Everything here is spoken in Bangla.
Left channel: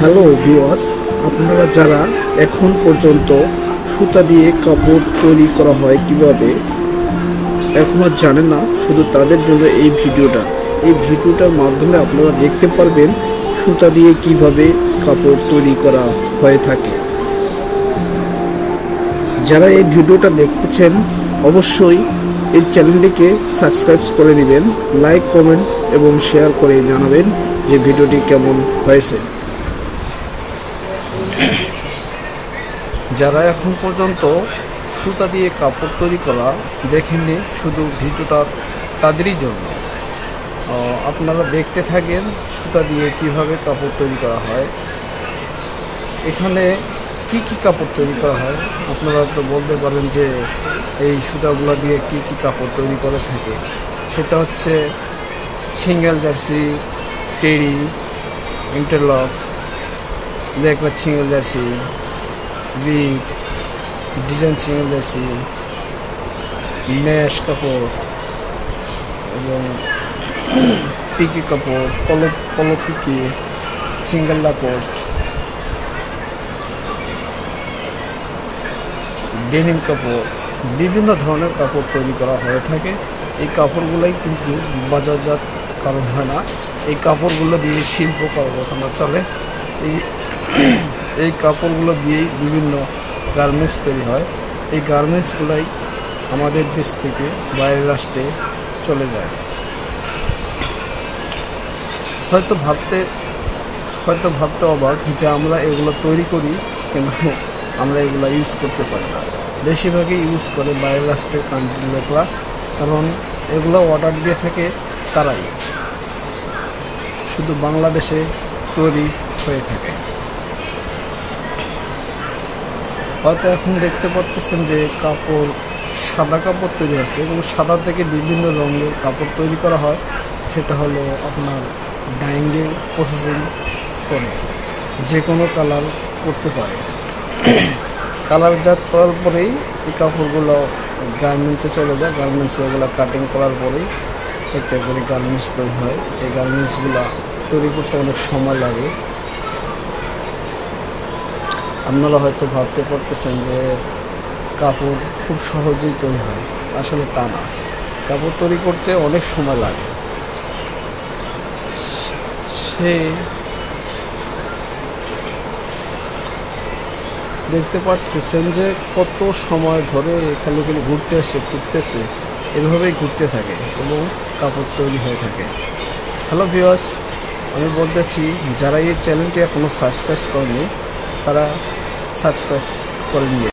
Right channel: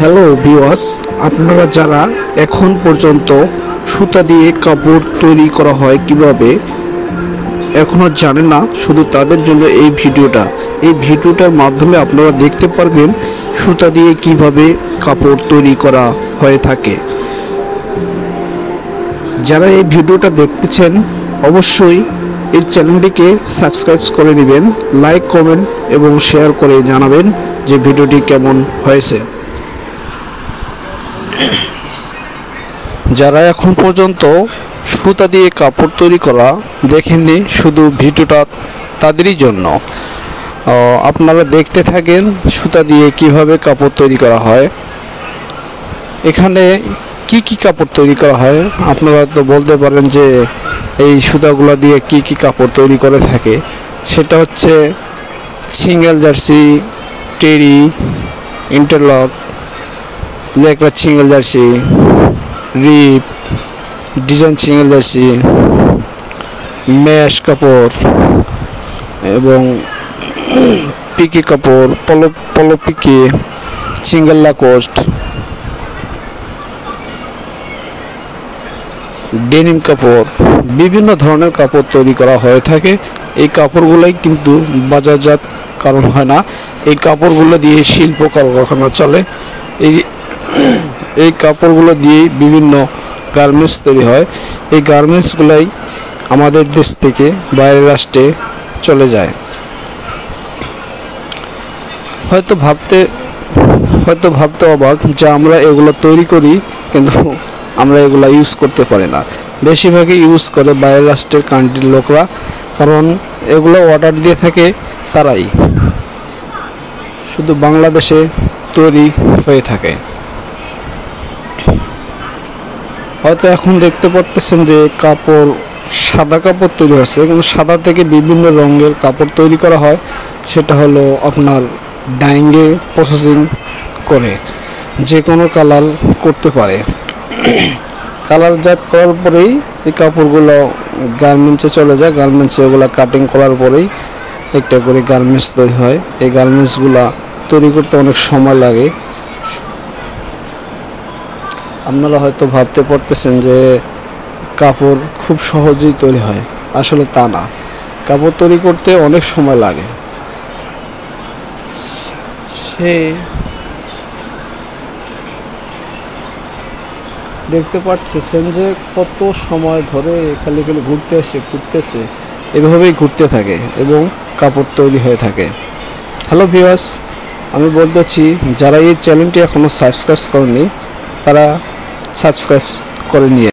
হ্যালো ভিউয়ার্স, আপনারা যারা এখন পর্যন্ত সুতা দিয়ে কাপড় তৈরি করা হয় কিভাবে এখনো জানেন না, শুধু তাদের জন্য এই ভিডিওটার মাধ্যমে আপনারা দেখতে পারবেন সুতা দিয়ে কিভাবে কাপড় তৈরি করা হয়ে থাকে। যারা এই ভিডিওটা দেখতেছেন অবশ্যই এই চ্যানেলটিকে সাবস্ক্রাইব করে নেবেন, লাইক, কমেন্ট এবং শেয়ার করে জানাবেন যে ভিডিওটি কেমন হয়েছে। যারা এখন পর্যন্ত সুতা দিয়ে কাপড় তৈরি করা দেখেননি, শুধু ভিডিওটা তাদেরই জন্য। আপনারা দেখতে থাকেন সুতা দিয়ে কিভাবে কাপড় তৈরি করা হয়। এখানে কি কি কাপড় তৈরি করা হয় আপনারা তো বলতে পারেন যে এই সুতাগুলো দিয়ে কি কি কাপড় তৈরি করে থাকে। সেটা হচ্ছে সিঙ্গেল জার্সি, টেরি, ইন্টারলক, লেকড়া সিঙ্গেল জার্সি, রিপ, ডিজাইন সিঙ্গেল জার্সি, ম্যাশ কাপড় এবং পিকে কাপড়, পলো পিকে, সিঙ্গেল লাকোস্ট, ডেনিম কাপড়, বিভিন্ন ধরনের কাপড় তৈরি করা হয়ে থাকে। এই কাপড়গুলোই কিন্তু বাজারজাত কারণ হয় না, এই কাপড়গুলো দিয়ে শিল্প কারখানা চলে। এই কাপড়গুলো দিয়ে বিভিন্ন গার্মেন্টস তৈরি হয়। এই গার্মেন্টসগুলাই আমাদের দেশ থেকে বাইরের রাষ্ট্রে চলে যায়। হয়তো ভাবতে অবাক যে আমরা এগুলো তৈরি করি কিন্তু আমরা এগুলো ইউজ করতে পারি না। বেশিরভাগই ইউজ করে বাইরের রাষ্ট্রের কান্ট্রির লোকরা, কারণ এগুলো অর্ডার দিয়ে থাকে তারাই। শুধু বাংলাদেশে তৈরি হয়ে থাকে। হয়তো এখন দেখতে পাচ্ছেন যে সাদা কাপড় তৈরি হচ্ছে, কিন্তু সাদা থেকে বিভিন্ন রঙের কাপড় তৈরি করা হয়। সেটা হলো আপনার ডাইংয়ে প্রসেসিং করে যে কোনো কালার করতে পারে। কালারজাত করার পরেই এই কাপড়গুলো গার্মেন্টসে চলে যায়। গার্মেন্টসে ওগুলো কাটিং করার পরেই একটা করে গার্মেন্টস তৈরি হয়। এই গার্মেন্টসগুলো তৈরি করতে অনেক সময় লাগে। আপনারা হয়তো ভাবতে পারতেছেন যে কাপড় খুব সহজেই তৈরি হয়, আসলে তা না। কাপড় তৈরি করতে অনেক সময় লাগে। দেখতে পাচ্ছেন যে কত সময় ধরে খালি ঘুরতেছে, এভাবেই ঘুরতে থাকে এবং কাপড় তৈরি হয়ে থাকে। হ্যালো ভিউয়ার্স, আমি বলতেছি যারা এই চ্যানেলটি এখনো সাবস্ক্রাইব করেনি তারা সাবস্ক্রাইব করে নিয়ে